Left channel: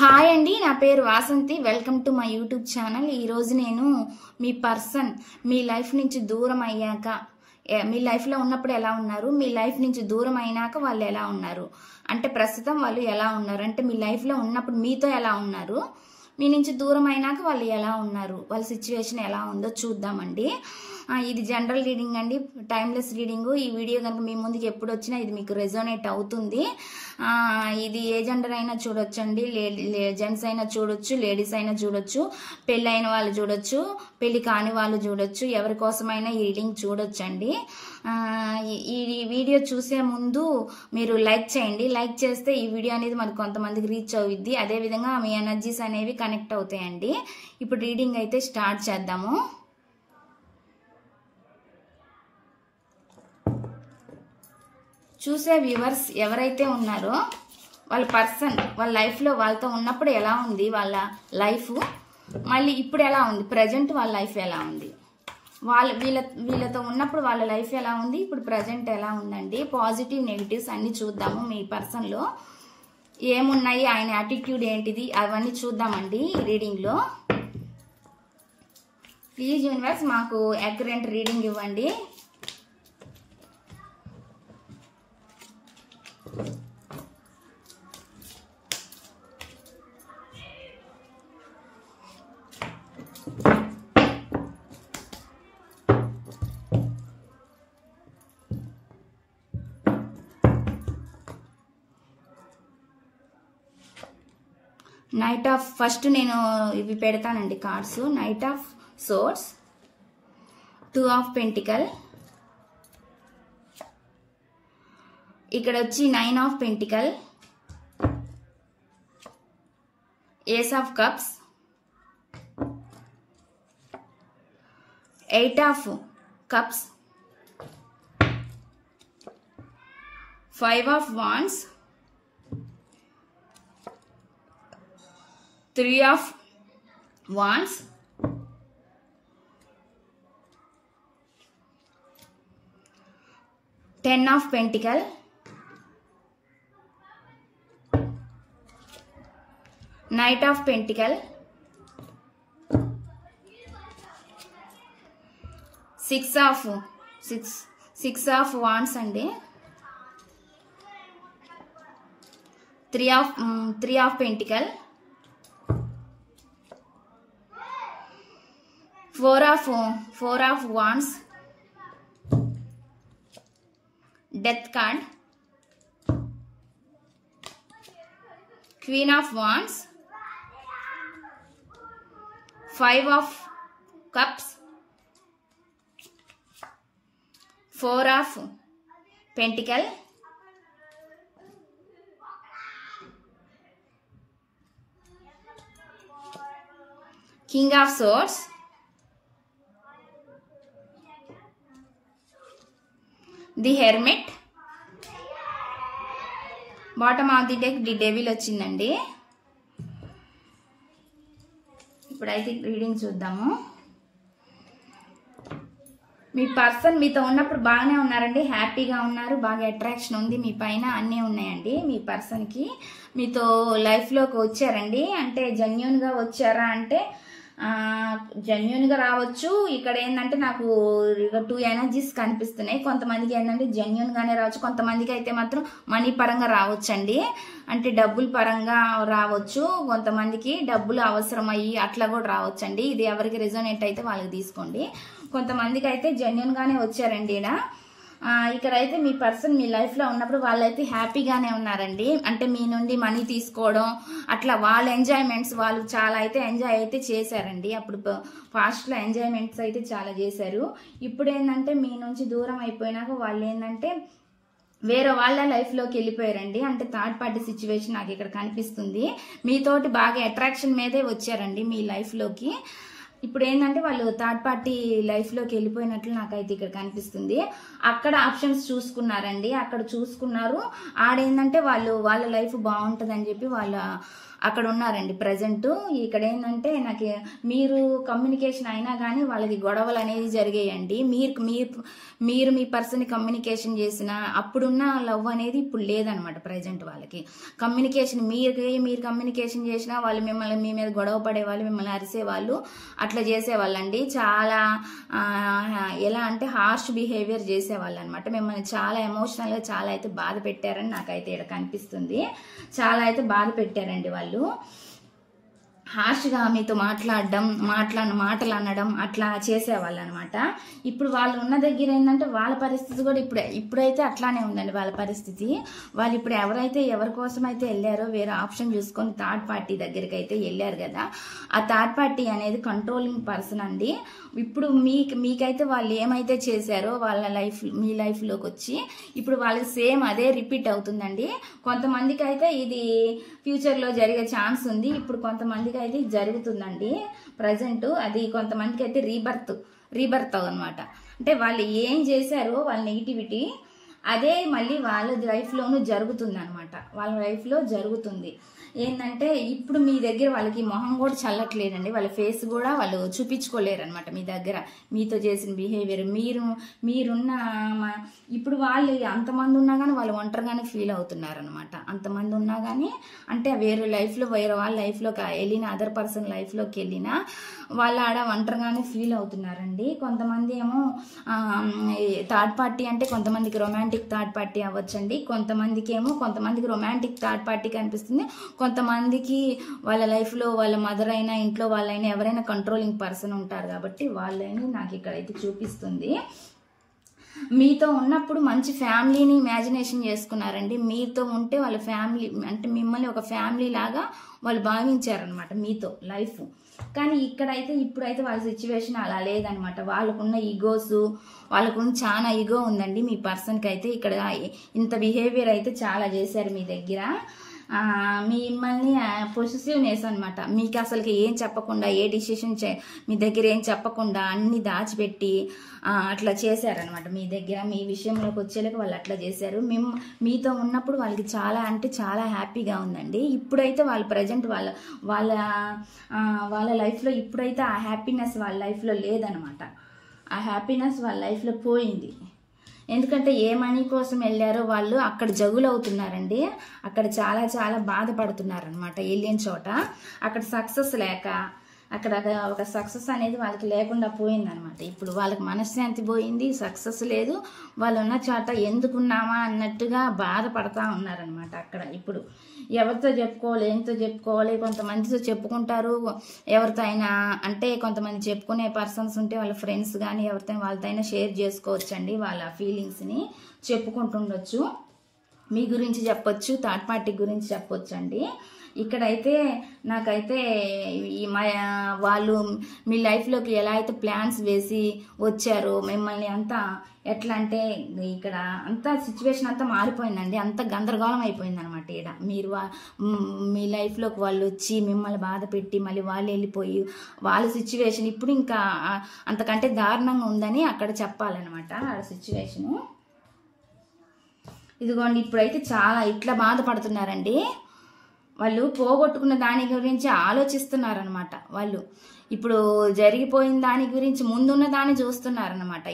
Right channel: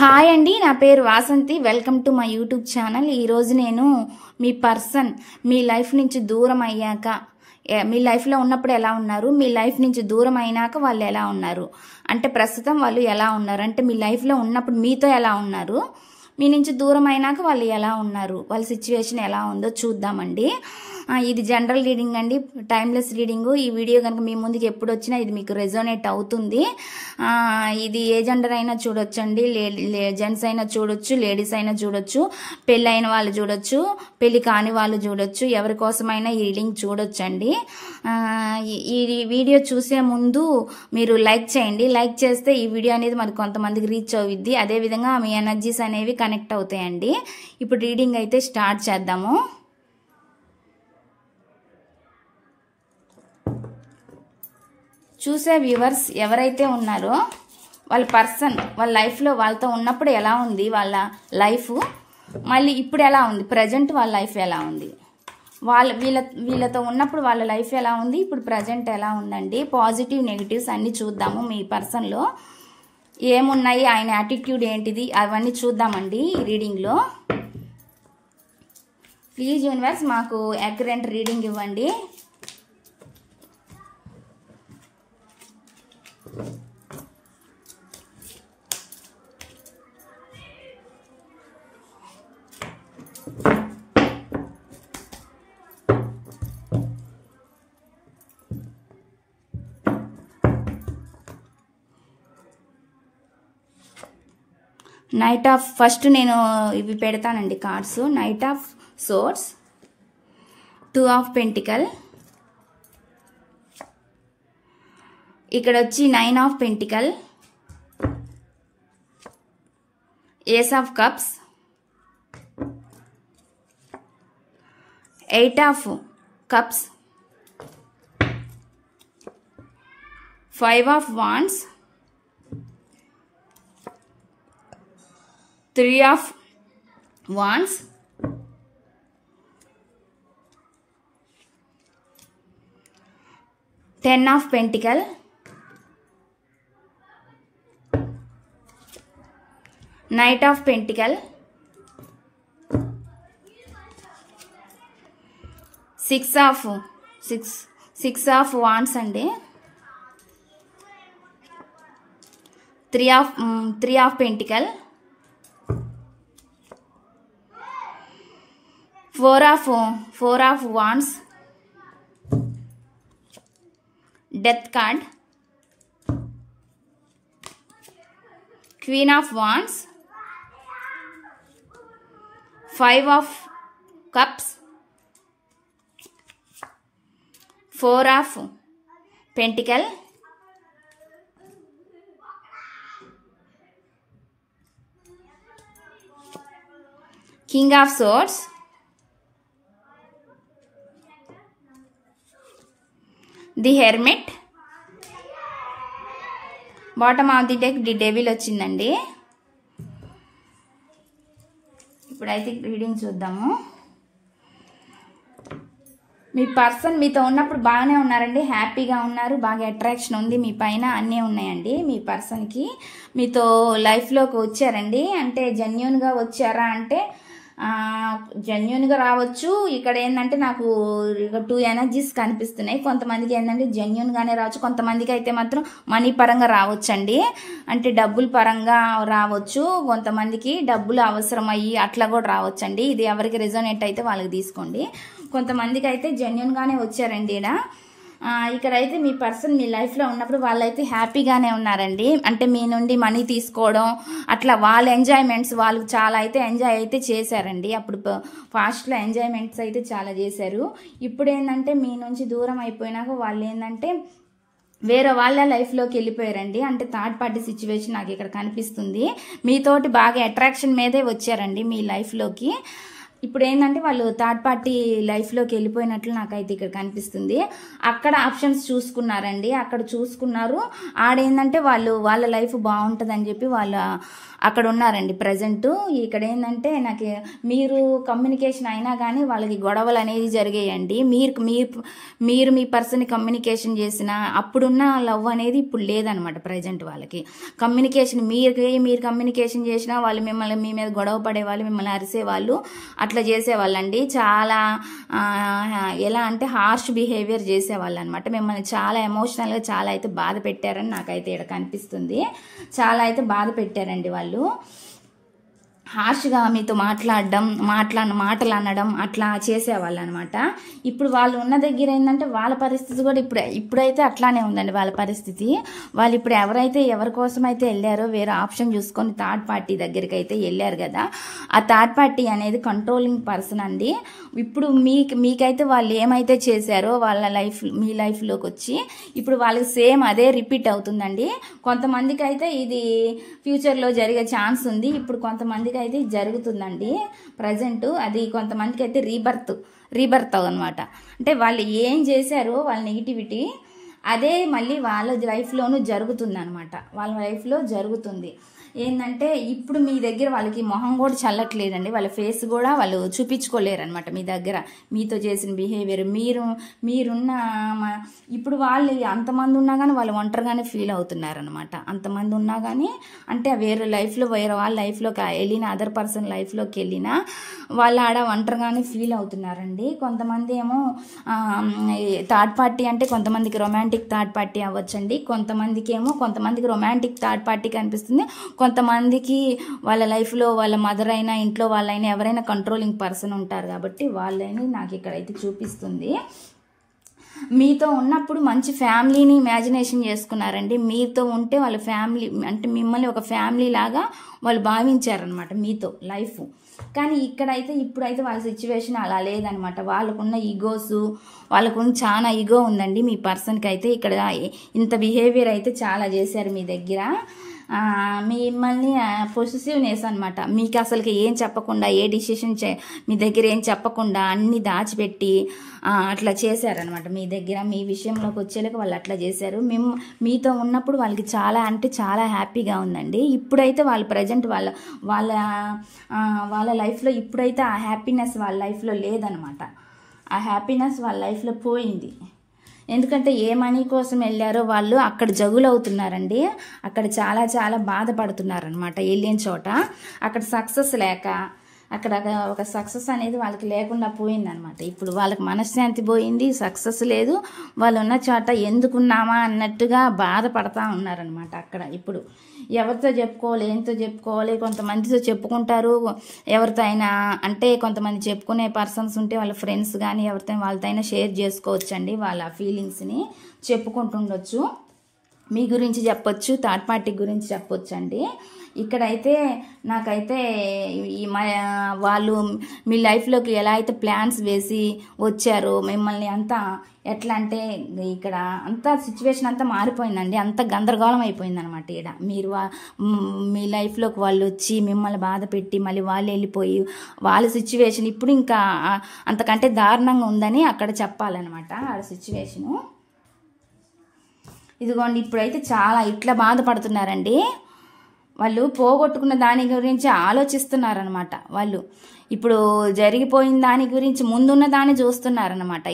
Hi అండి, నా పేరు Vasanthi. Welcome to my YouTube channel. ఈరోజు నేను మీ పర్సన్ మీ లైఫ్ నుంచి దూరం అయ్యాక, మీ లైఫ్లో ఉన్నప్పుడు ఎలా ఉన్నారు, మీ లైఫ్ నుంచి దూరం అయినాక వాళ్ళు ఎలా ఉన్నారు, అంటే ప్రస్తుతం వాళ్ళు ఎలా ఉన్నారు, అంటే మీ లైఫ్లో ఉన్నప్పుడు మీతో ఎలా ఉన్నారు, మీ నుంచి దూరం అయినాక వాళ్ళు ఎలా ఉన్నారు, వాళ్ళ సిచ్యువేషన్ ఎలా ఉందో చూద్దామండి. ఇది జనరల్ రీడింగ్ అండి, టైమ్లెస్ రీడింగ్. ఈ వీడియో కనుక మీ ముందుకు ఎప్పుడు వచ్చినా ఇది మీకు రెజోనేట్ అవుతుంది. ఇది ఏ జెండర్ అయినా చూడొచ్చండి, జెంట్స్ అయినా చూడొచ్చు, లేడీస్ అయినా చూడొచ్చు, పెళ్ళి అయిన వాళ్ళు చూడొచ్చు, పెళ్లి కాని వాళ్ళు చూడొచ్చు, ఎవరి కోసమైనా ఈ రీడింగ్ చూడొచ్చండి. ఈ వీడియో చూసే ముందు మీరు లైక్ చేయండి. లైక్ చేస్తే ఈ వీడియో అనేది మరి కొంతమందికి రీచ్ అవుద్ది, అదేవిధంగా మీ ఎనర్జీస్ అనేవి కనెక్ట్ అవుతాయండి. ఇప్పుడు రీడింగ్ అయితే స్టార్ట్ చేద్దాము. చూసే వ్యూవర్స్ ఎవరైతే ఉన్నారో వాళ్ళ పర్సన్ వాళ్ళ లైఫ్లో వాళ్ళతో ఉన్నప్పుడు ఎలా ఉంది వాళ్ళ లైఫ్, మళ్ళీ ఇప్పుడు ఎలా ఉంది, ప్రజెంట్ వాళ్ళ లైఫ్ ఎలా ఉంది, వీళ్ళతో ఉన్నప్పుడు వాళ్ళ లైఫ్ ఎలా ఉంది, ఇప్పుడు ప్రజెంట్ ఎలా ఉందండి. పాజిటివ్ నెగిటివ్స్ అన్నీ చూద్దాము. మీ పర్సన్లో ఏమున్నాయి, ఆయన యాటిట్యూడ్ ఏంటిది, అవన్నీ చూద్దామండి ఈ రీడింగ్లో. ప్లీజ్ యూనివర్స్ మాకు యాక్యురేట్ రీడింగ్ ఇవ్వండి. నైట్ ఆఫ్, ఫస్ట్ నేను ఇవి పెడతానండి cards. Knight of swords, 2 of pentacle, ఇక్కడ వచ్చి 9 of pentacle, ace of cups, 8 of cups, 5 of wands, 3 of wands, 10 of pentacle, 9 of pentacle, 6 of wands అండి, 3 of pentacle, 4 of wands, death card, queen of wands, 5 of cups, 4 of pentacle, king of swords, the hermit, bottom of the deck the devil వచ్చిందండి. ఇప్పుడైతే reading చూద్దాము. మీ person మీతో ఉన్నప్పుడు బాగానే ఉన్నారండి, హ్యాపీగా ఉన్నారు, బాగా అట్రాక్షన్ ఉంది మీ పైన, అన్నీ ఉన్నాయండి. మీ పర్సన్కి మీతో లైఫ్లోకి వచ్చారండి, అంటే జెన్యూన్గా వచ్చారా అంటే జెన్యూన్గా రావచ్చు. ఇక్కడ ఏంటంటే నాకు 2 ఎనర్జీస్ కనిపిస్తున్నాయి. కొంతమందికి ఏంటంటే జెన్యూన్గానే రావచ్చు, కొంతమందికి అయితే మాత్రం మనీ పరంగా రావచ్చండి, అంటే డబ్బుల పరంగా రావచ్చు, కొంతమందికి డబ్బులు అవసరం అయ్యి అట్లా కూడా రావచ్చండి. ఇది ఎవరికి రెజోనేట్ అయితే వాళ్ళకి తీసుకోండి. కొంతమందికి అయితే జెన్యూన్గానే వచ్చారండి. ఇక్కడైతే మీ పర్సన్ మీ లైఫ్లో ఉన్నప్పుడు వాళ్ళైతే హ్యాపీగానే ఉన్నారండి, అంటే మీ నుండి మనీ తీసుకోవడం అట్లా వాళ్ళ ఎంజాయ్మెంట్స్, వాళ్ళు చాలా అయితే ఎంజాయ్ అయితే చేశారండి. అప్పుడు ఫాస్ట్లో ఎంజాయ్మెంట్స్ అయితే చాలా చేశారు. ఇప్పుడు ఏంటంటే మీ నుంచి దూరం అయిపోయినాక వాళ్ళు ఏంటంటే వేరే వాళ్ళ లైఫ్లోకి వెళ్ళిపోయారండి, అంటే థర్డ్ పార్టీ సిచ్యువేషన్ నాకు ఇక్కడ కనిపిస్తుంది. మీతోటి బాగా అట్రాక్షన్ మీదే వచ్చారండి మీ లైఫ్లోకి. ఇప్పుడు ఏంటంటే వాళ్ళు థర్డ్ పార్టీ లైఫ్లోకి వెళ్ళిపోయినట్లు నాకైతే ఇక్కడ కనిపిస్తుంది. అక్కడ ఆప్షన్స్ చూసుకున్నారండి, అక్కడ చూసుకున్నారు. ఆడేంటంటే వాళ్ళ లైఫ్ బాగుంటుందని చెప్పి వాళ్ళు అక్కడ ఉన్నారండి ప్రజెంట్. ఇక్కడ ఏంటంటే నాకు మీరు కమ్యూనికేషన్ అయినా కానీ వాళ్ళకి గొడవలు అనేది జరిగాయండి. మీరు మీ పర్సన్ కమ్యూనికేషన్ చేసిన అప్పుడున్న లవ్ అనేది ఇప్పుడు లేదనమాట ప్రజెంట్ వాళ్ళకి. కమ్యూనికేషన్ మీరు కమ్యూనికేషన్ చేసినా వాళ్ళు మిమ్మల్ని మీ మీద గొడవ పడేవాళ్ళు, మిమ్మల్ని అరిసేవాళ్ళు, అట్లా చేసేవాళ్ళండి. చాలా ఎలా అంటే హార్ష్ బిహేవియర్ చేసేవాళ్ళు అనమాట. మిమ్మల్ని చాలా ఎమోషనల్గా చాలా అయితే బాధ పెట్టారని నాకైతే ఇక్కడ కనిపిస్తుంది. చాలా అయితే బాధ పెట్టారండి వాళ్ళు. హార్ష్గా మీతో మాటలు అనడం అట్లా చేసేవాళ్ళు అనమాట. ఇప్పుడు వాళ్ళు ఉన్న దగ్గర ఏంటంటే వాళ్ళ పరిస్థితి కూడా ఇప్పుడైతే అట్లానే ఉందండి వాళ్ళ పరిస్థితి. వాళ్ళు ఇప్పుడు ఎవరి కోసం అయితే వెళ్ళారో వేరే ఆప్షన్ చూసుకొని థర్డ్ పార్టీ దగ్గరికి అయితే వెళ్ళారు కదా, ఆ థర్డ్ పార్టీ అనేది కంట్రోలింగ్ పర్సన్ అండి. ఇప్పుడు మీకైతే వాళ్ళు ఏమైతే చేశారో మీ లైఫ్లోకి వచ్చి ఇప్పుడు వాళ్ళకి సేమ్ అదే రిపీట్ అవుతుందండి. కొంతమందికి అయితే ఇది ఫ్యూచర్లో జరిగే ఛాన్స్ ఉంది. ఇప్పుడు కొంతమందికి అయితే జరుగుతుందండి ప్రజెంట్. అది కొంతమందికి అయితే రీబర్త్ అనమాట. అంటే వాళ్ళు ఏం చేశారో వాళ్ళ నెగిటివిటీ అదే మళ్ళీ వాళ్ళ లైఫ్లోనూ జరుగుతుంది అనమాట. వాళ్ళ లైఫ్లో జరుగుతుంది. ఏంటంటే ఇప్పుడు మీ దగ్గర వాళ్ళకి మొహం కూడా చల్లట్లేదండి, వాళ్ళ ఫేస్ కూడా వాళ్ళు చూపించుకోలేరు అనమాట మీ దగ్గర. మీతో చేసిన బిహేవియర్ మీరున్న ఇప్పుడు వాళ్ళు అంతమంది ఉన్నా కానీ వాళ్ళు ఒంటరిగానే ఫీల్ అవుతున్నారు అనమాట. అంతమంది ఉన్నా కానీ అంటే వేరే వాళ్ళ లైఫ్లోకి వెళ్ళిన అదర్ పర్సన్ లైఫ్లోకి వెళ్ళినా వాళ్ళు ఆడ ఒంటరిగానే ఫీల్ అవుతున్నారండి. కొంతమంది ఏమో థర్డ్ పార్టీ అంటే కొంతమందికి రొమాంటిక్ థర్డ్ పార్టీ అవ్వచ్చండి, కొంతమందికి రొమాంటిక్ థర్డ్ పార్టీ కనిపిస్తుంది, కొంతమందికి వాళ్ళ లైఫ్లో వాళ్ళ మదర్ అయినా ఇంట్లో వాళ్ళైనా ఎవరైనా కంట్రోలింగ్ పర్సన్ ఉంటారు కాబట్టి వాళ్ళని నాకు ఇక్కడైతే చూపిస్తుంది. మీతో ఉన్నప్పుడు మంచి ఫ్యామిలీని ఇమాజినేషన్ చేసుకున్నారండి. మీతో ఉంటే వాళ్ళ ఫ్యామిలీ అంటే మిమ్మల్ని ఒక ఫ్యామిలీ లాగా వాళ్ళు భావించారనమాట మీతో లైఫ్. కానీ ఇప్పుడైతే వాళ్ళ సిచ్యువేషన్ అలా లేదనమాట. వాళ్ళకున్న వాళ్ళకున్న చాలా ఈగో ఉందండి మీ పర్సన్కి అయితే. ఇక్కడ ఇంత బిహేవియర్ అయితే చాలా చేశారు మీ దగ్గర. మిమ్మల్ని పొసెసివ్నెస్ అనమాట. మీకు అసలుకి ఏం చెప్పకుండా ఏ డిసిషన్ మీ దగ్గర ఏం చెప్పకుండా అన్ని దాచిపెట్టి అట్లా చేశారనమాట మీ దగ్గర. మీ విషయంలోకి వచ్చేలాగా వాళ్ళు అట్లా చేశారు. మీతో ఉన్నప్పుడు వాళ్ళకి చాలా అంటే చాలా హ్యాపీగా ఉందండి. ఇప్పుడైతే వాళ్ళు ప్రజెంట్ వాళ్ళ లైఫ్లో ఇప్పుడైతే ఆ హ్యాపీనెస్ వాళ్ళ లైఫ్లో లేదనమాట. ఆ హ్యాపీనెస్ వాళ్ళ లైఫ్లో పోయింది. ఎందుకంటే ఏ మనీ కోసం వెళ్ళారో వాళ్ళు అక్కడ జగులవుతున్నారండి. అక్కడ చాలా చాలా బాధపడుతున్నారనమాట. వెళ్ళిన చోట అక్కడ సక్సెస్ లేక అక్కడ ఒక సక్సెస్ అనేది వాళ్ళకి లేకుండా పోయిందనమాట. ఇప్పుడు వాళ్ళకి మనశ్శాంతి పోయింది, సక్సెస్ లేదు. వాళ్ళు ఉన్న చోట ఎందుకున్నామా అన్నట్టుగా బాధపడతా ఉన్నారనమాట. అక్కడ ఇప్పుడు ఎవరితో చెప్పుకోవాలి, ఏంతో చెప్పుకోవాలి, కొంతమందితో చెప్పుకుంటారు. ఎవరితో అయినా అంటే కొంతమంది చెప్పుకునే పర్సన్స్ ఉంటే వాళ్ళ ఫ్రెండ్స్ కానీ వాళ్ళతో అయినా షేర్ చేసుకోవచ్చండి. వాళ్ళ ఫీలింగ్స్ని చెప్పుకుంటుండొచ్చు. మీ గురించి చెప్పొచ్చు, థర్డ్ పార్టీ గురించి చెప్పొచ్చు అండి. ఇక్కడైతే నాకైతే వాళ్ళు మీ లైఫ్లోకి ఎలా అయితే ప్లాన్స్ వేసి వచ్చారో మిమ్మల్ని అంతా ఎట్లా అంటే ఇక్కడ అంతా సిచ్యువేషన్ అంతా మారిపోయిందండి. అంత గందరగోళం అయిపోయింది అనమాట. ఇక్కడ మీ లైఫ్లోకి వాళ్ళు వచ్చి మిమ్మల్ని బాధ పెట్టి మళ్ళీ వాళ్ళు వెళ్ళిపోయి వాళ్ళ సిచ్యువేషన్ ఇప్పుడు ఇంకా అంతకంటే దారుణంగా ఉందని అక్కడ చెప్పాలన్నమాట ఆ సిచ్యువేషను. ఇదిగోండి ఇప్పుడైతే చాలా ఇట్లా బాధపడుతున్నారండి. వాళ్ళు పోగొట్టుకున్న దాని గురించి ఆలోచిస్తున్నారనమాట. వాళ్ళు ఇప్పుడు జరిగిపోయిన దాని గురించి ముందున్న దాన్ని చూస్తున్నారనమాట.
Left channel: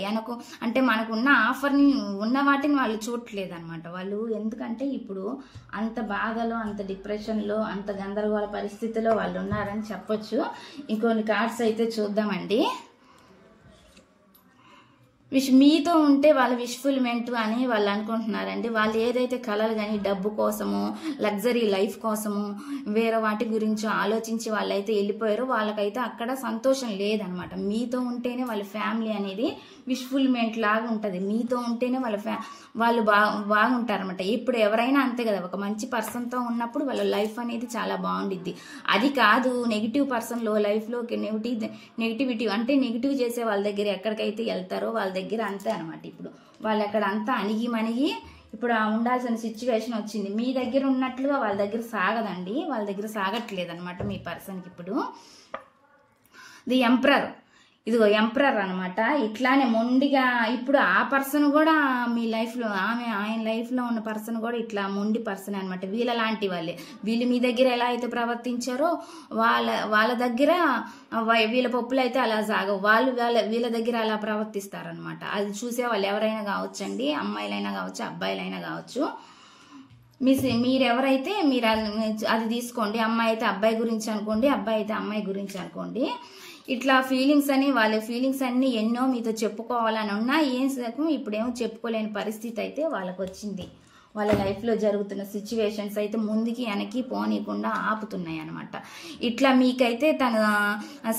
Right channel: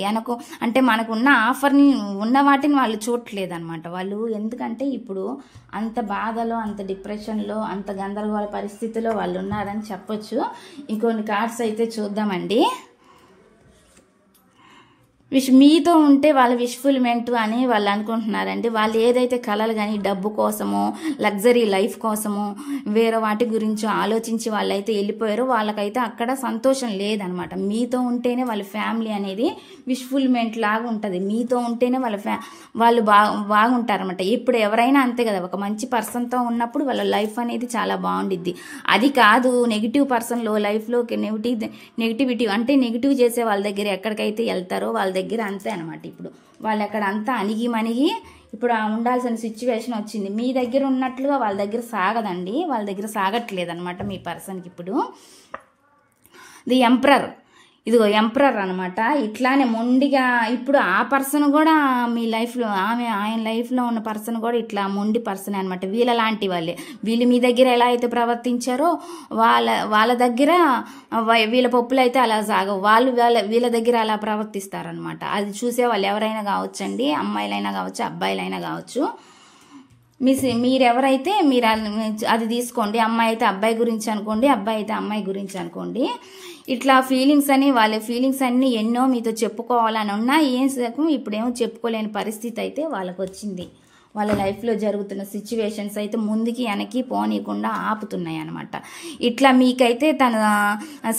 అంటే మనకున్న ఆఫర్ని ఉన్న వాటిని వాళ్ళు చూడట్లేదనమాట వాళ్ళు. ఎందుకంటే ఇప్పుడు అంత బాధలో, అంత డిప్రెషన్లో, అంత గందరగోళ పరిస్థితిలో వాళ్ళు ఉన్నారని చెప్పొచ్చు. ఇంకొన్ని కార్డ్స్ అయితే చూద్దామండి. మీతో ఉంటే వాళ్ళ విష్ఫుల్మెంట్ అని వాళ్ళు అనుకుంటున్నారండి. వాళ్ళు ఏదైతే కళలు కానీ డబ్బు కోసమో లగ్జరీ లైఫ్ కోసమో వేరే వాటి గురించి ఆలోచించి వాళ్ళైతే వెళ్ళిపోయారో వాళ్ళకైతే అక్కడ సంతోషం లేదనమాట. మీతో ఉంటేనే వాళ్ళ ఫ్యామిలీ అనేది విష్ఫుల్మెంట్ లాగా ఉంటుంది. మీతో ఉంటేనే వాళ్ళు బాగుంటారనమాట. ఇప్పుడు ఎవరైనా అంతే కదా, ఒక మంచి పర్సన్తో ఉన్నప్పుడు వాళ్ళ లైఫ్ అనేది చాలా బాగుండిద్ది. అది కాదు నెగిటివ్ పర్సన్లో లైఫ్లోకి నెగిటివిటీ అంటే నెగిటివ్ చేసే వాళ్ళ దగ్గర ఎక్కడికైతే వెళ్తారో వాళ్ళ దగ్గర అంతే అనమాట. ఇప్పుడు వాళ్ళు అక్కడ అంతా అణిగి ఇప్పుడు ఉండాల్సిన సిచ్యువేషన్ వచ్చింది. మీ దగ్గర ఉన్నట్లుగా వాళ్ళ దగ్గర సాగదండి, వాళ్ళ దగ్గర సాగట్లేదు అనమాట మీ పర్సన్కి. ఇప్పుడు ది ఎంపరర్. ఇదిగో ఎంపరర్ అనమాట. ఇట్లానే మొండిగా ఇప్పుడు ఆ పర్సన్ కూడా మీ లైఫ్లో ఆయన లైఫ్లో ఉన్న పర్సన్ కూడా ఇట్లా మొండి పర్సన్ అనమాట. వీళ్ళ లాంటి వాళ్ళే. వీళ్ళు మీ దగ్గర ఎలా అయితే ప్రవర్తించారో వాళ్ళ దగ్గర వీళ్ళ పప్పులు అయితే అలా సాగవు. వీళ్ళ దగ్గర అలా ప్రవర్తిస్తారనమాట. అది చూసే వాళ్ళు ఎవరైనా కావచ్చండి, అమ్మాయిలైనా కావచ్చు, అబ్బాయిలైనా కావచ్చు. మీరెవరైతే మీరు అది తీసుకోండి. అమ్మాయి అయితే అబ్బాయి గురించి అనుకోండి, అబ్బాయి అయితే అమ్మాయి గురించి అనుకోండి. ఇట్లా ఫీలింగ్స్ అని వాళ్ళ ఫీలింగ్స్ అన్ని ఎన్నో మీతో చెప్పుకోవాలని ఉన్నా ఇప్పుడేమో చెప్పుకోలేని పరిస్థితి అయితే వాళ్ళకు వచ్చింది. వాళ్ళ లైఫ్లో జరుగుతున్న సిచ్యువేషన్స్ అయితే ముందుకి వెనక్కి పోనీయకుండా ఆపుతున్నాయి అనమాట. ఇట్లా మీకైతే తన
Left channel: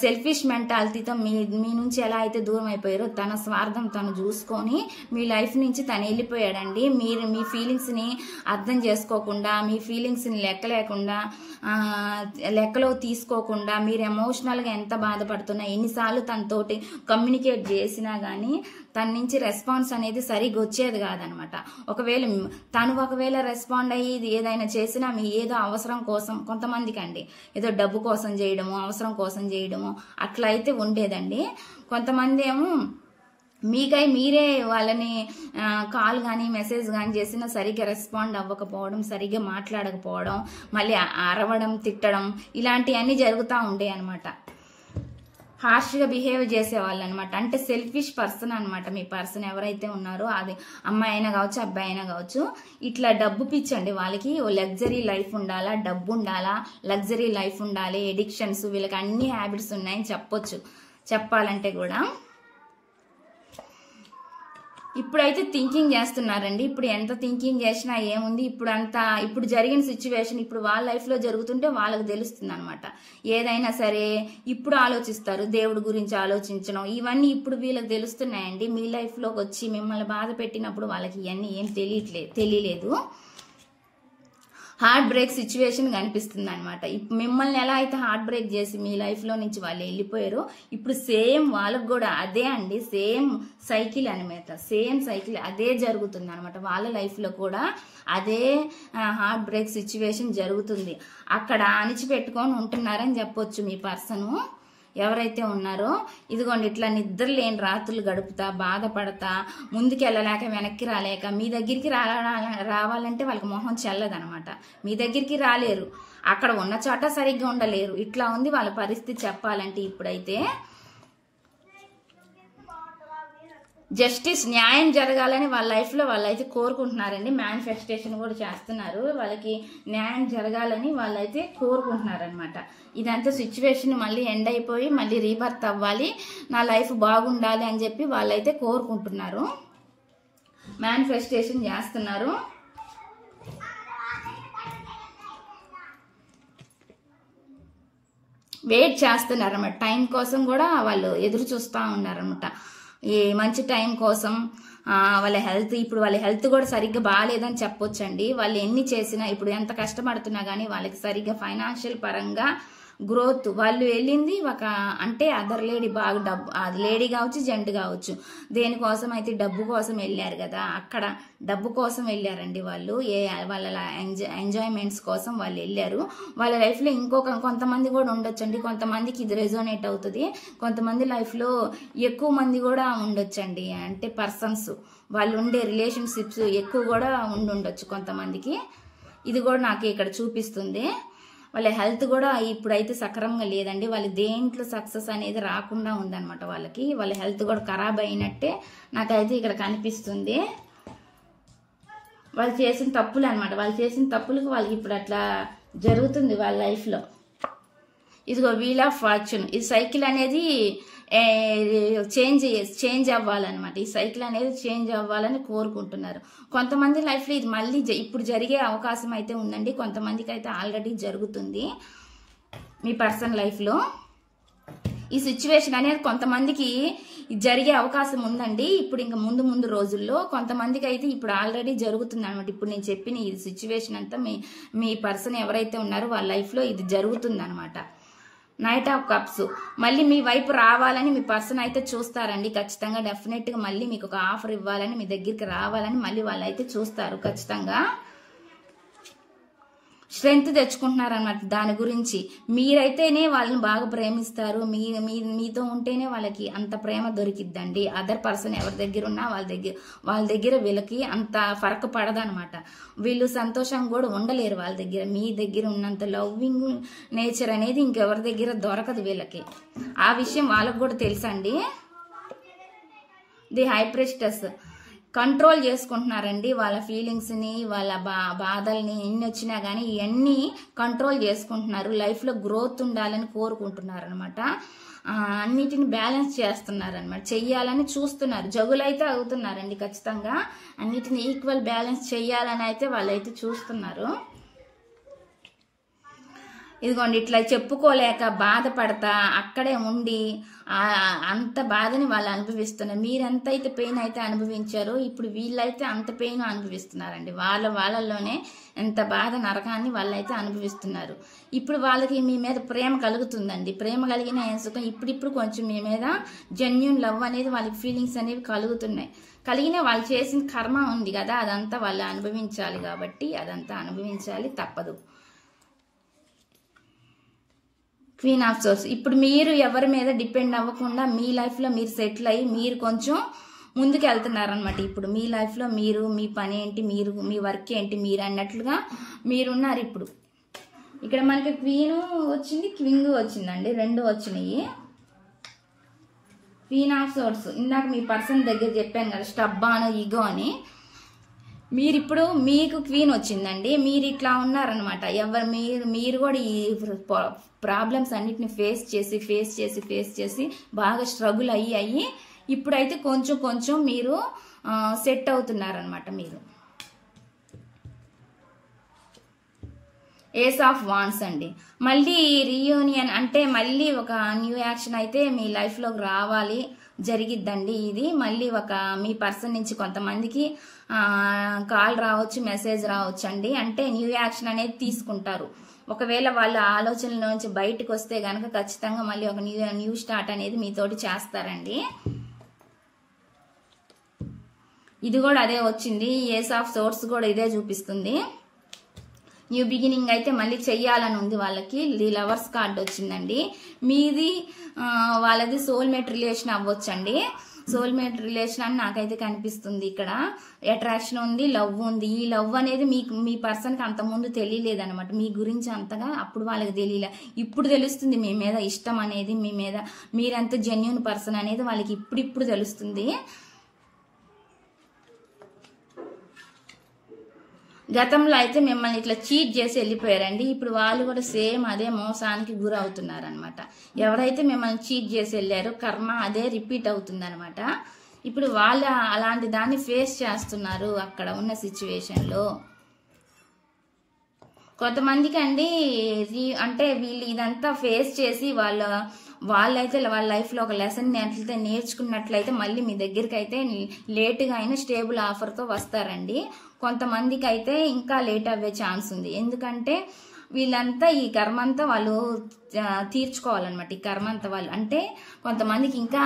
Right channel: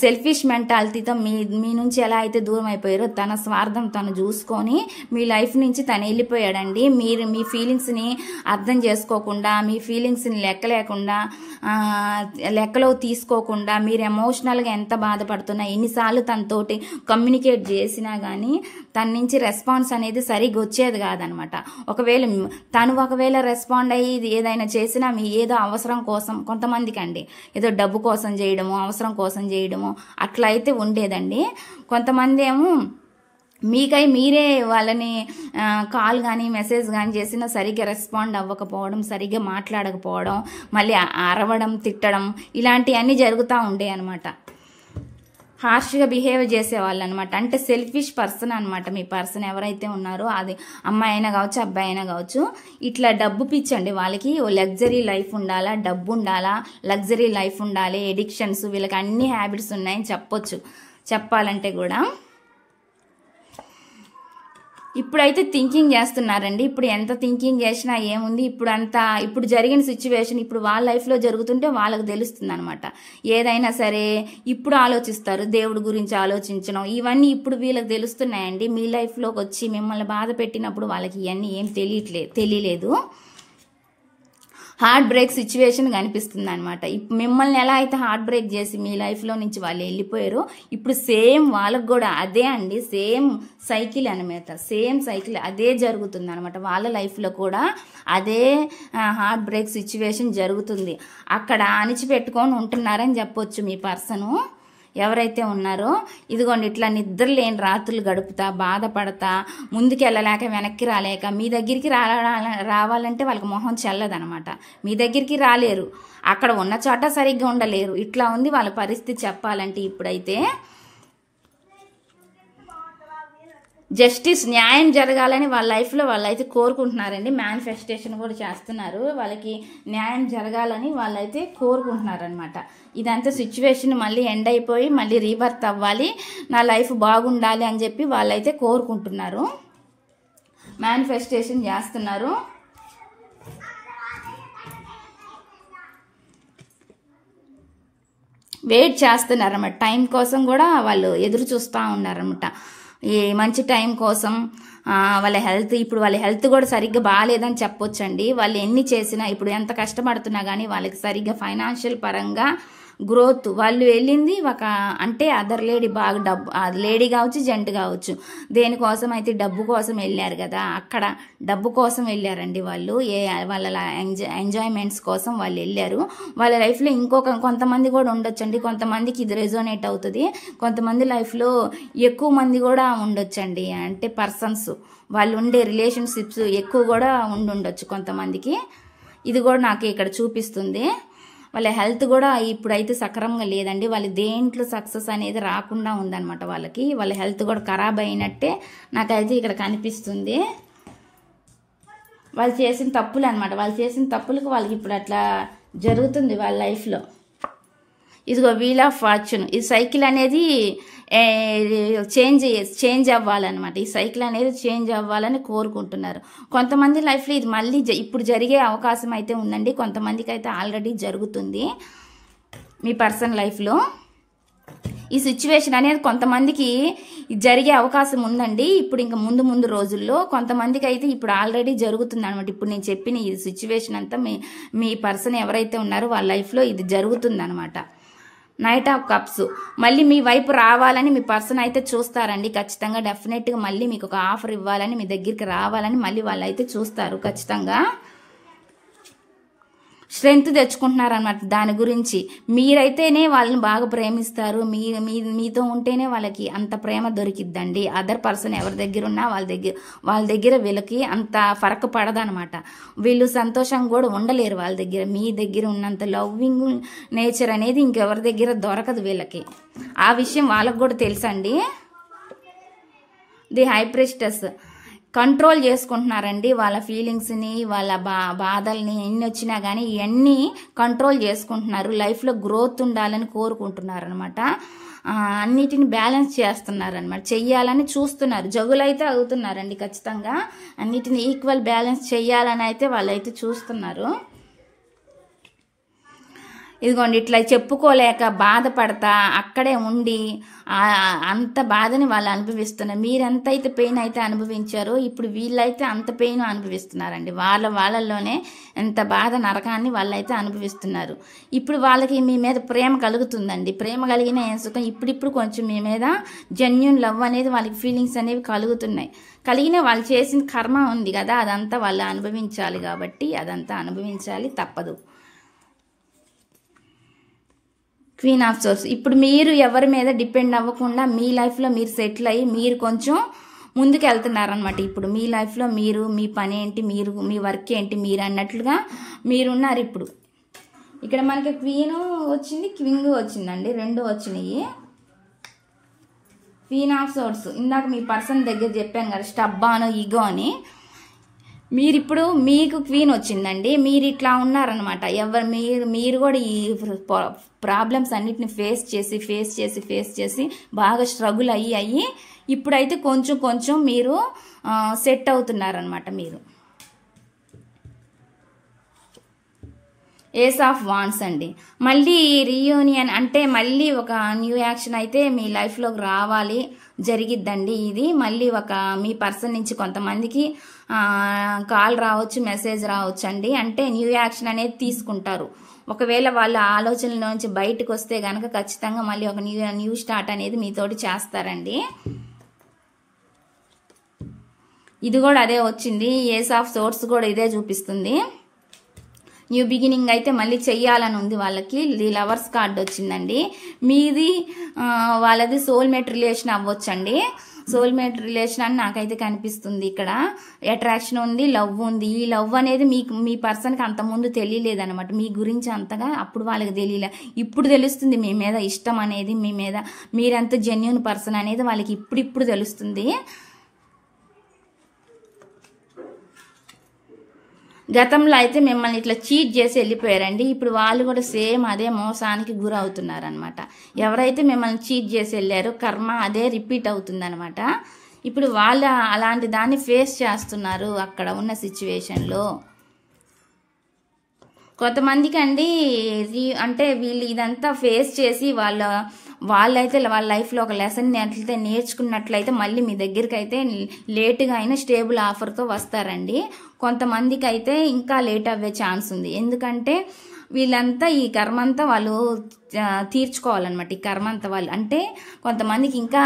సెల్ఫిష్ మెంటాలిటీతో మీ నుంచి ఎలా అయితే దూరం అయిపోయారో తన స్వార్థం తను చూసుకొని మీ లైఫ్ నుంచి తను వెళ్ళిపోయాడండి. మీరు మీ ఫీలింగ్స్ని అర్థం చేసుకోకుండా, మీ ఫీలింగ్స్ని లెక్కలో తీసుకోకుండా, మీరు ఎమోషనల్గా ఎంత బాధపడుతున్నా, ఎన్నిసార్లు తనతోటి కమ్యూనికేట్ చేసినా కానీ తన నుంచి రెస్పాన్స్ అనేది సరిగ్గా వచ్చేది కాదనమాట. ఒకవేళ రెస్పాండ్ అయ్యి ఏదైనా చేసినా మీ ఏదో అవసరం కోసం, కొంతమందికి అండి ఏదో డబ్బు కోసం చేయడము, అవసరం కోసం చేయడము అట్లా అయితే ఉండేదండి. కొంతమంది ఏమో మీరే వాళ్ళని కాల్ కానీ మెసేజ్ కానీ చేసినా సరిగ్గా రెస్పాండ్ అవ్వకపోవడం, సరిగ్గా మాట్లాడకపోవడం, మళ్ళీ అరవడం, తిట్టడం ఇలాంటివన్నీ జరుగుతూ ఉండే అనమాట. హార్ష్గా బిహేవ్ చేసేవాళ్ళు అనమాట. అంటే సెల్ఫిష్ పర్సన్ అనమాట. మీ పర్సన్ ఎవరైతే ఉన్నారో అది అమ్మాయి అయినా కావచ్చు, అబ్బాయి అయినా కావచ్చు. ఇట్లా డబ్బు పిచ్చండి వాళ్ళకి. లగ్జరీ లైఫ్ ఉండాలా, డబ్బు ఉండాలా, లగ్జరీ లైఫ్ ఉండాలి, ఎడిక్షన్స్, వీళ్ళకి అన్ని హ్యాబిట్స్ ఉన్నాయని చెప్పాలంటే కూడా. ఇప్పుడైతే థింకింగ్ చేస్తున్నారండి. ఇప్పుడు ఎంత థింకింగ్ చేసినా ఏముంది, ఇప్పుడు జరిగిన సిచ్యువేషన్ ఇప్పుడు వాళ్ళ లైఫ్లో జరుగుతుంటే వాళ్ళకి తెలుస్తుంది అనమాట. ఏదైనా సరే ఇప్పుడు ఆలోచిస్తారు, దేవుడి గురించి ఆలోచించడం ఇవన్నీ ఇప్పుడు వీళ్ళకి తెలుస్తున్నాయండి. మీ లైఫ్లోకి వచ్చి మిమ్మల్ని బాధ పెట్టినప్పుడు వాళ్ళకి ఇవన్నీ ఏం తెలియలేదు. హార్ట్ బ్రేక్ సిచ్యువేషన్ కనిపిస్తుంది అనమాట. మిమ్మల్ని ఎలా అయితే హార్ట్ బ్రేక్ చేసి మీ లైఫ్లో నుంచి వాళ్ళు వెళ్ళిపోయారో ఇప్పుడు సేమ్ వాళ్ళకు కూడా అదే అండి, సేమ్ సైకిల్ అనమాట. సేమ్ సైకిల్ అదే జరుగుతుంది అనమాట. వాళ్ళ లైఫ్లో కూడా అదే హార్ట్ బ్రేక్ సిచ్యువేషన్ జరుగుతుంది. అక్కడ అణిచిపెట్టుకొని ఉంటున్నారని చెప్పొచ్చు మీ పర్సను ఎవరైతే ఉన్నారో. ఇదిగోండి ఇట్లా నిద్ర లేని రాత్రులు గడుపుతా, బాధపడతా, ముందుకు వెళ్ళలేక వెనక్కి రాలేక, మీ దగ్గరికి రావాలంటే వాళ్ళకి మొహం చెల్లదనమాట. మీ దగ్గరికి రాలేరు, అక్కడ ఉన్న చోట సరిగ్గా ఉండలేరు. ఇట్లా ఉంది వాళ్ళ పరిస్థితి చెప్పాలంటే. ఇప్పుడైతే జస్టిస్, న్యాయం జరగాలని వాళ్ళ లైఫ్లో వాళ్ళైతే కోరుకుంటున్నారండి. మేనిఫెస్టేషన్ కూడా చేస్తున్నారు. వాళ్ళకి న్యాయం జరగాలని వాళ్ళైతే కోరుకుంటున్నారనమాట. ఇదంతా సిచ్యువేషన్ మళ్ళీ ఎండ్ అయిపోయి మళ్ళీ రీబర్త్ అవ్వాలి, నా లైఫ్ బాగుండాలి అని చెప్పి వాళ్ళైతే కోరుకుంటున్నారు, మేనిఫెస్టేషన్ చేస్తున్నారు. వెయిట్ చేస్తున్నారన్నమాట. టైం కోసం కూడా వాళ్ళు ఎదురు చూస్తూ ఉన్నారన్నమాట. ఈ మంచి టైం కోసం. వాళ్ళ హెల్త్ కూడా సరిగ్గా బాగాలేదని చెప్పొచ్చండి. వాళ్ళు ఎన్ని చేసినా, ఇప్పుడు ఎంత కష్టపడుతున్నా కానీ వాళ్ళకి సరిగ్గా ఫైనాన్షియల్ పరంగా గ్రోత్, వాళ్ళు వెళ్ళింది అంటే అదర్ లేడీ, బాగా లేడీ కావచ్చు, జెంట్ కావచ్చు, దేనికోసం అయితే డబ్బు కోసం వెళ్ళారు కదా, అక్కడ డబ్బు కోసం వెళ్ళారండి వాళ్ళు. వాళ్ళ ఎంజాయ్మెంట్స్ కోసం వాళ్ళు వెళ్ళారు. వాళ్ళ లైఫ్లో కొంతమంది కూడా ఉండొచ్చండి. కొంతమందికి ఇది రెజోనేట్ అవుతుంది. కొంతమంది లైఫ్లో ఎక్కువ మంది కూడా ఉండొచ్చండి. అంటే పర్సన్స్ వాళ్ళు ఉండే రిలేషన్షిప్స్ ఎక్కువ కూడా ఉండొచ్చు కొంతమందికి. ఇది కూడా నాకు ఇక్కడ చూపిస్తుంది. వాళ్ళ హెల్త్ కూడా ఇప్పుడైతే సక్రమంగా లేదండి. వాళ్ళ దేంట్లో సక్సెస్ అనేది రాకుండా ఉందన్నమాట. వాళ్ళ హెల్త్ కూడా ఖరాబ్ అయినట్టే నాకైతే ఇక్కడ కనిపిస్తుంది. వాళ్ళు చేసిన తప్పులు అనమాట. వాళ్ళు చేసిన తప్పులకు వాళ్ళకి ఇప్పుడు అట్లా జరుగుతుంది వాళ్ళ లైఫ్లో. ఇదిగో వీల్ ఆఫ్ ఫార్చ్యూన్, ఈ సైకిల్ అనేది చేంజ్ అవ్వాలన్నమాట. ఈ సైకిల్ అనేది చేంజ్ అవ్వాలని కోరుకుంటున్నారు. కొంతమంది లైఫ్లో ఇది మళ్ళీ ఇప్పుడు జరిగే అవకాశం అయితే ఉందండి. కొంతమందికి అయితే ఆల్రెడీ జరుగుతుంది మీ పర్సన్ లైఫ్లో. ఈ సిచ్యువేషన్ అనేది కొంతమందికి జరిగే అవకాశం ఉందండి. ఇప్పుడు ఇంకా ముందు రోజుల్లో కొంతమందికి అయితే ఇప్పుడు ఆల్రెడీ జరుగుతుంది అనమాట. ఇప్పుడు నేను చెప్పిన ఈ సిచ్యువేషన్ అంతా మీ పర్సన్ ఎవరైతే ఉన్నారో వాళ్ళ లైఫ్లో ఇది జరుగుతుంది అనమాట. నైట్ ఆఫ్ కప్స్ మళ్ళీ మీ వైపు రావాలని మీ పర్సన్ అయితే చూస్తారండి. ఖచ్చితంగా డెఫినెట్గా మళ్ళీ మీకు ఒక ఆఫర్ ఇవ్వాలని, మీ దగ్గరికి రావాలని మళ్ళీ వాళ్ళు అయితే చూస్తారు ఖచ్చితంగా. స్ట్రెంగ్త్ తెచ్చుకుంటున్నారన్నమాట. దాని గురించి మీరైతేనే వాళ్ళని బాగా ప్రేమిస్తారు. మీతో ఉంటేనే వాళ్ళకి అంత ప్రేమ దొరికిద్దండి. అదర్ పర్సన్ ఎవరి దగ్గర ఉన్నా వాళ్ళ దగ్గర వీళ్ళకి అంత ఫరక్ పడదనమాట. వీళ్ళు సంతోషంగా కూడా ఉండలేరు వాళ్ళ దగ్గర. మీ దగ్గర ఉన్నంత లవ్వింగ్ నేచర్ అనేది ఇంకెవరి దగ్గర దొరకదు వీళ్ళకి. ఆ విషయం వాళ్ళకు కూడా తెలుసండి. ది హై ప్రిస్టెస్ కంట్రోల్ చేసుకుంటున్నారండి వాళ్ళ ఫీలింగ్స్ని, వాళ్ళ బాధల్ని. ఎన్ని వచ్చినా కానీ ఇవన్నీ కంట్రోల్ చేసుకుంటున్నారు. లైఫ్లో గ్రోత్ ఉండాలని కోరుకుంటున్నారు అనమాట. అన్నిటిని బ్యాలెన్స్ చేస్తున్నారు అనమాట. చెయ్యాలని చూస్తున్నారు. జగులైతే అవుతున్నారండి ఖచ్చితంగా. అన్నిటిని ఈక్వల్ బ్యాలెన్స్ చెయ్యాలని అయితే వాళ్ళైతే చూస్తున్నారు. ఇదిగోండి ఇట్లా చెప్పుకోలేక బాధపడతా అక్కడే ఉండి అంత బాధని వాళ్ళు అనుభవిస్తున్నారు. మీరెంత అయితే పెయిన్ అయితే అనుభవించారో ఇప్పుడు వీళ్ళైతే అంత పెయిన్ అనుభవిస్తున్నారండి. వాళ్ళలోనే ఎంత బాధ నరకాన్ని వాళ్ళైతే అనుభవిస్తున్నారు. ఇప్పుడు వాళ్ళకి మీ మీద ప్రేమ కలుగుతుందండి. ప్రేమ కలిగిన ఏం సుఖం. ఇప్పుడిప్పుడు కొంచెం మీ మీద జెన్యూన్ లవ్ అనేది వాళ్ళకి ఫీలింగ్స్ అనేవి కలుగుతున్నాయి. కలిగిన వాళ్ళు చేసిన కర్మ ఉంది కదా, అదంతా వాళ్ళు అనుభవించాలి. కాబట్టి అదంతా అనుభవించాలి, తప్పదు. క్వీన్ ఆఫ్ సోర్స్ ఇప్పుడు మీరు ఎవరి మీద డిపెండ్ అవ్వకుండా మీ లైఫ్లో మీరు సెటిల్ అయ్యి మీరు కొంచెం ముందుకు వెళ్తున్నారనమాట. ఇప్పుడు మీ లైఫ్లో మీరు మీ పని ఏంటి, మీ వర్క్ ఏంటి, మీరు అన్నట్లుగా మీరున్నారు. ఇప్పుడు ఇక్కడ మనకి క్వీన్ వచ్చింది, క్వింగ్ వచ్చిందండి, రెండు వచ్చినాయి. క్వీన్ ఆఫ్ సోర్స్ ఇందాక మీ పర్సన్ దగ్గర చెప్పాను కదా, స్టబ్బాను ఈగో అని. మీరిప్పుడు మీకు క్వీన్ వచ్చిందండి. మీరు ఇట్లా ఉన్నారనమాట. మీరు కూడా ఈ ప్రాబ్లమ్స్ అన్నిటిని ఫేస్ చేసి బాగా స్ట్రగుల్ అయ్యి ఇప్పుడైతే కొంచెం మీరు సెట్ అవుతున్నారనమాట. మీరు ఏస్ ఆఫ్ వాన్స్ అండి. మళ్ళీ రీయూనియన్ అంటే మళ్ళీ ఒక న్యూ యాక్షన్ అయితే మీ లైఫ్లోకి రావాలి, జరిగిద్దండి. ఇది మళ్ళీ ఒక మీ పర్సన్ నుంచి కొంతమందికి కాల్ రావచ్చు, మెసేజ్ రావచ్చు అండి. అంటే న్యూ యాక్షన్ అనేది తీసుకుంటారు. ఒకవేళ వాళ్ళ ఆలోచనల నుంచి బయటకు వస్తే గనక ఖచ్చితంగా మళ్ళీ ఒక న్యూ స్టార్ట్ అనేది మీతోటి చేస్తారండి. ఇది కూడా అదే వచ్చింది. ఏస్ ఆఫ్ సోర్స్ కూడా ఇదే చూపిస్తుంది. న్యూ బిగినింగ్ అయితే మళ్ళీ చెయ్యాలని ఉంది వాళ్ళకి. ది లవర్స్ కార్డ్ వచ్చిందండి. మీది వాళ్ళది సోల్మేట్ రిలేషన్ అవ్వచ్చండి. సోల్మేట్ రిలేషన్ అని నాకైతే కనిపిస్తుంది. ఇక్కడ అట్రాక్షన్ ఉంది, లవ్ ఉంది. ఈ లవ్ అనేది మీ పర్సన్కి అంత ముందు తెలియలేదన్నమాట. మీ గురించి అంతగా అప్పుడు వాళ్ళకి తెలియలే. ఇప్పుడు తెలుస్తుంది మీ మీద ఇష్టం అనేది, మీ మీద మీరెంత జెన్యూన్ పర్సన్ అనేది వాళ్ళకి ఇప్పుడు తెలుస్తుంది. గతంలో అయితే మిమ్మల్ని ఇట్లా చీట్ చేసి వెళ్ళిపోయారండి. ఇప్పుడు వాళ్ళు కూడా సేమ్ అదే మోసానికి గురవుతున్నారనమాట. ఎవరైతే మిమ్మల్ని చీట్ చేసి వెళ్ళారో కర్మ అదే రిపీట్ అవుతుందనమాట. ఇప్పుడు వాళ్ళు అలాంటి దాన్ని ఫేస్ చేస్తున్నారు అక్కడ ఉన్న సిచ్యువేషన్లో. కొంతమందికి అండి అంటే వీళ్ళు ఇదంతా ఫేస్ చేసి వాళ్ళైతే వాళ్ళ లైఫ్లో ఒక లెసన్ అయితే నేర్చుకున్నట్లయితే మళ్ళీ మీ దగ్గరికి అయితే లేటుగా అయినా స్టేబుల్ ఆఫర్తో వస్తారండి. కొంతమందికి అయితే ఇంకా లేట్ అవ్వే ఛాన్స్ ఉంది. ఎందుకంటే వీళ్ళంతా ఈ కర్మంతా వాళ్ళు తీర్చుకోవాలన్నమాట. ఈ కర్మంతా వాళ్ళు అంటే కొంతమందికి ఇంకా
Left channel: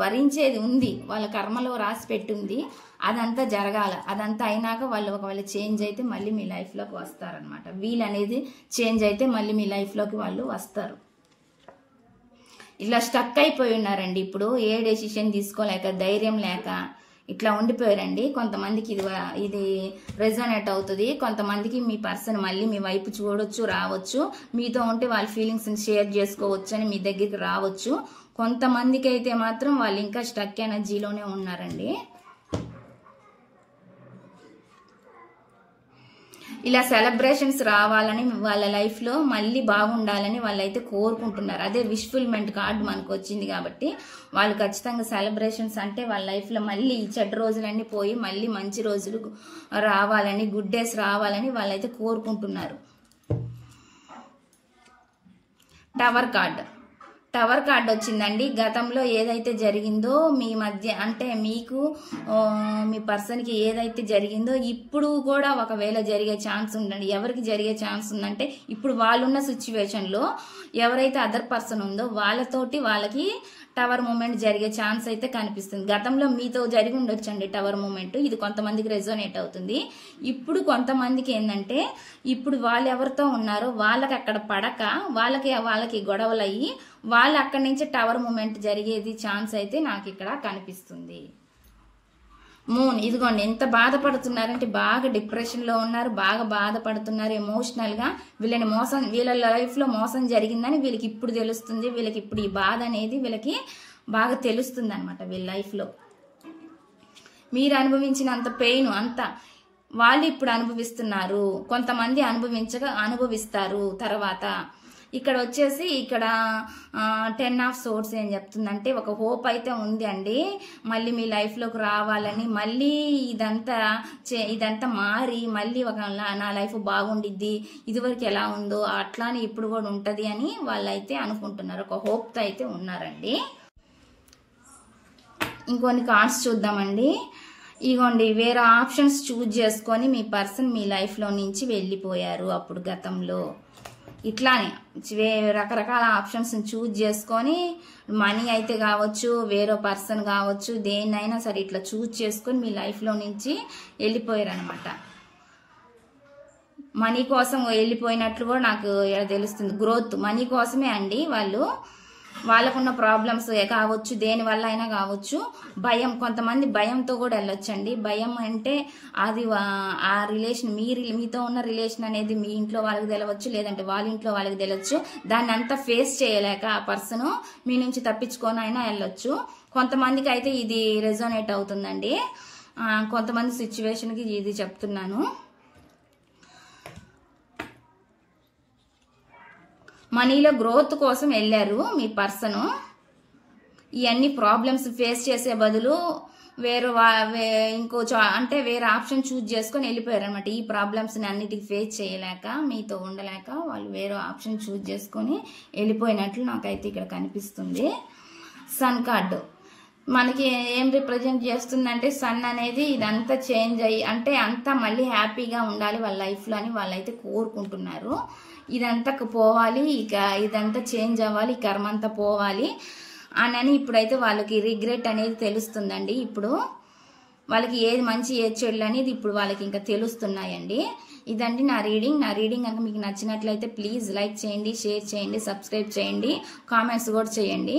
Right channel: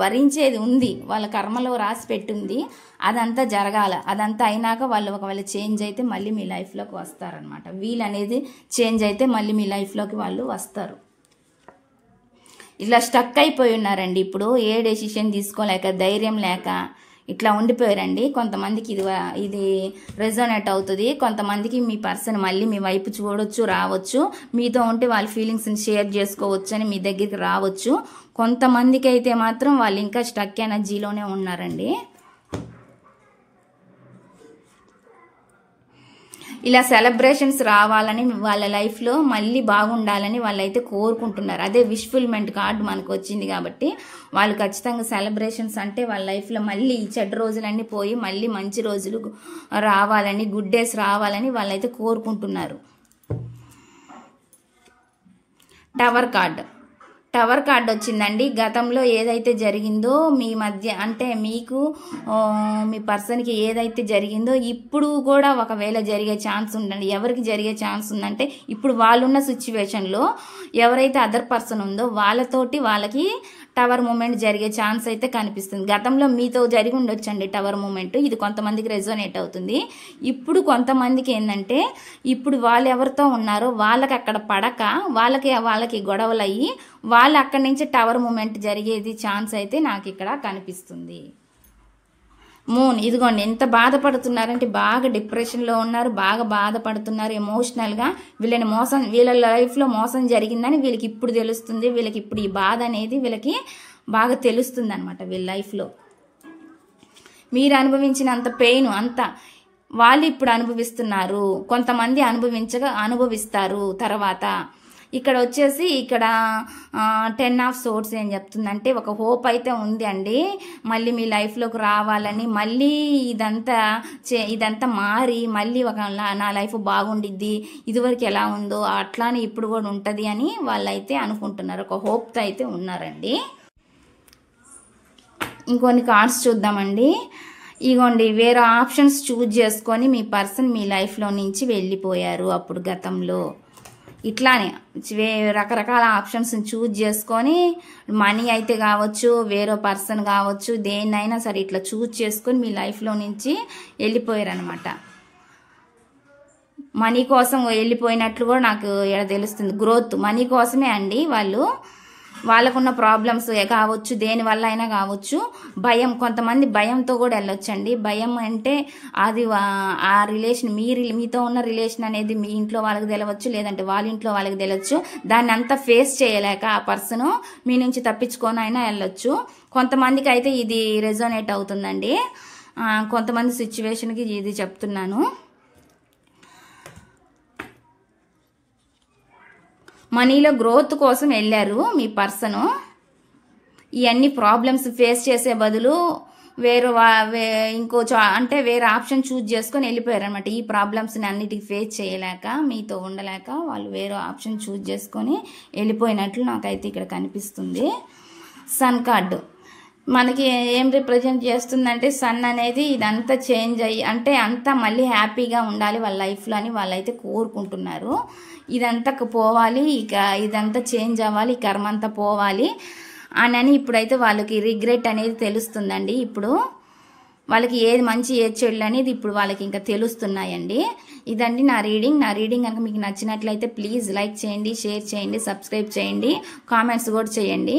భరించేది ఉంది, వాళ్ళ కర్మలో రాసి పెట్టింది. అదంతా జరగాల. అదంతా అయినాక వాళ్ళు ఒకవేళ చేంజ్ అయితే మళ్ళీ మీ లైఫ్లోకి వస్తారనమాట. వీళ్ళు అనేది చేంజ్ అయితే మళ్ళీ మీ లైఫ్లోకి వాళ్ళు వస్తారు. ఇట్లా స్టక్ అయిపోయి ఉన్నారండి. ఇప్పుడు ఏ డెసిషన్ తీసుకోలేక, ధైర్యం లేక ఇట్లా ఉండిపోయారండి. కొంతమందికి ఇది రెజోనేట్ అవుతుంది. కొంతమందికి మీ పర్సన్ మళ్ళీ మీ వైపు చూడొచ్చు, రావచ్చు. మీతో ఉంటే వాళ్ళ ఫీలింగ్స్ని షేర్ చేసుకోవచ్చు అని మీ దగ్గరికి రావచ్చు. కొంతమందికి అయితే మాత్రం వాళ్ళు ఇంకా స్టక్ ఎనర్జీలోనే ఉన్నారండి. ఇలా సెలబ్రేషన్స్ రావాలని వాళ్ళ లైఫ్లో మళ్ళీ బాగుండాలని వాళ్ళైతే కోరుకుంటున్నారు. అదే విష్ఫుల్మెంట్ కార్డు మనకు వచ్చింది కాబట్టి వాళ్ళు ఖచ్చితంగా సెలబ్రేషన్స్ అంటే వాళ్ళ లైఫ్లో మళ్ళీ చెడ్డ రోజులన్నీ పోయి మళ్ళీ మంచి రోజులు రావాలని, గుడ్ డేస్ రావాలని వాళ్ళైతే కోరుకుంటున్నారు. టవర్ కార్డ్ వచ్చిందండి. గతంలో ఏదైతే జరిగిందో మీ మధ్య అంటే మీకు మీ పర్సన్కి ఏదైతే జరిగిందో ఇప్పుడు కూడా ఒకవేళ జరిగే ఛాన్స్ ఉందండి. ఎవరికి జరిగే ఛాన్స్ ఉందంటే ఇప్పుడు వాళ్ళున్న సిచ్యువేషన్లో ఎవరైతే అదర్ పర్సన్ ఉందో వాళ్ళతోటి వాళ్ళకి టవర్ మూమెంట్ జరిగే ఛాన్స్ అయితే కనిపిస్తుంది. గతంలో మీతో జరిగి ఉండొచ్చండి టవర్ మూమెంట్, ఇది కొంతమందికి రెజోనేట్ అవుతుంది. ఇప్పుడు కొంతమందికి ఏంటంటే ఇప్పుడు వాళ్ళు ఎవరితో ఉన్నారో వాళ్ళకి అక్కడ పడక వాళ్ళకి గొడవలు అయ్యి వాళ్ళు అక్కడి నుంచి టవర్ మూమెంట్ జరిగేది ఛాన్స్ అయితే నాకు ఇక్కడ కనిపిస్తుంది. మూన్ ఇదిగోండి ఎంత బాధపడుతున్నారంటే బాగా డిప్రెషన్లో ఉన్నారు, బాగా బాధపడుతున్నారు ఎమోషనల్గా. వీళ్ళ లైఫ్లో మోసం జరిగిందని వీళ్ళకి ఇప్పుడు తెలుస్తుంది. వీళ్ళకి ఇప్పుడు ఈ బాధ అనేది వీళ్ళకి బాగా తెలుస్తుంది అనమాట. వీళ్ళ లైఫ్లో మీరు అనుభవించినంత పెయిన్ అంతా వాళ్ళు ఇప్పుడు అనుభవిస్తున్నారు. కొంతమంది అనుభవిస్తారు తర్వాత. ఇక్కడ వచ్చేసి ఇక్కడ 10 ఆఫ్ సోర్స్ ఏం చెప్తుందంటే ఒక హోప్ అయితే ఉంది అండి, మళ్ళీ మీ లైఫ్లోకి రావాలని, మళ్ళీ ఇదంతా మారి మళ్ళీ నా లైఫ్ బాగుండిద్ది, ఇదివరకు ఎలా ఉందో అట్లానే ఇప్పుడు కూడా ఉంటుంది అని వాళ్ళైతే అనుకుంటున్నారు. ఒక హోప్తో అయితే ఉన్నారండి. ఇంకొన్ని కార్డ్స్ చూద్దామండి. ఇగోండి వేరే ఆప్షన్స్ చూజ్ చేసుకొని మీ పర్సన్ మీ లైఫ్లో నుంచి వెళ్ళిపోయారు. అప్పుడు గతంలో ఇట్లానే రకరకాల ఆప్షన్స్ చూజ్ చేసుకొని మనీ అయితే కావచ్చు, వేరే పర్సన్ కావచ్చు, దేన్నైనా సరే ఇట్లా చూజ్ చేసుకొని మీ లైఫ్లో నుంచి వెళ్ళిపోయారు అనమాట. మనీ కోసం వెళ్ళిపోయినట్లు కూడా నాకు ఇక్కడ తెలుస్తుంది. గ్రోత్ మనీ కోసమే అండి. వాళ్ళకున్న ప్రాబ్లమ్స్ కావచ్చు, దేనివల్ల అయినా కావచ్చు. భయం, కొంతమంది భయంతో కూడా వెళ్ళొచ్చండి. భయం అంటే అది ఆ రిలేషన్ మీతో ఉన్న రిలేషన్ అనేది మీ ఇంట్లో వాళ్ళకి తెలవచ్చు, లేదంటే వాళ్ళ ఇంట్లో వాళ్ళకి తెలవచ్చు. దాన్ని అంతా ఫేస్ చేయలేక ఆ పర్సన్ మీ నుంచి తప్పించుకొని అయినా వెళ్ళొచ్చు. కొంతమందికి అయితే ఇది రెజోనేట్ అవుతుందండి. కొంతమంది సిచ్యువేషన్కి ఇది చెప్తున్నాను. మనీలో గ్రోత్ కోసం వెళ్ళారు మీ పర్సన్. ఇవన్నీ ప్రాబ్లమ్స్ ఫేస్ చేసే బదులు వేరే ఆప్షన్ చూజ్ చేసుకొని వెళ్ళిపోయారు అనమాట. ఈ ప్రాబ్లమ్స్ని అన్నిటికీ ఫేస్ చేయలేక, మీతో ఉండలేక వాళ్ళు వేరే ఆప్షన్ చూజ్ చేసుకొని వెళ్ళిపోయినట్లు నాకైతే ఇక్కడ కనిపిస్తుంది. సన్ కార్డు మనకి ఏం రిప్రజెంట్ చేస్తుందంటే సన్ అనేది ఇదంతా చేంజ్ అయ్యి అంటే అంతా మళ్ళీ హ్యాపీగా ఉండాలి వాళ్ళ లైఫ్లో అని వాళ్ళైతే కోరుకుంటున్నారు. ఇదంతా పోవాలి, ఇక ఇదంతా చేంజ్ అవ్వాలి, ఈ కర్మ అంతా పోవాలి అని ఇప్పుడైతే వాళ్ళకి రిగ్రెట్ అనేది తెలుస్తుందండి. ఇప్పుడు వాళ్ళకి ఏది మంచి ఏది చెడు అనేది ఇప్పుడు వాళ్ళకి ఇంకా తెలుస్తున్నాయండి. ఇదండి నా రీడింగ్ కనుక మీకు నచ్చినట్లయితే ప్లీజ్ లైక్ చేయండి, షేర్ చేయండి, సబ్స్క్రైబ్ చేయండి, కామెంట్స్ కూడా చేయండి.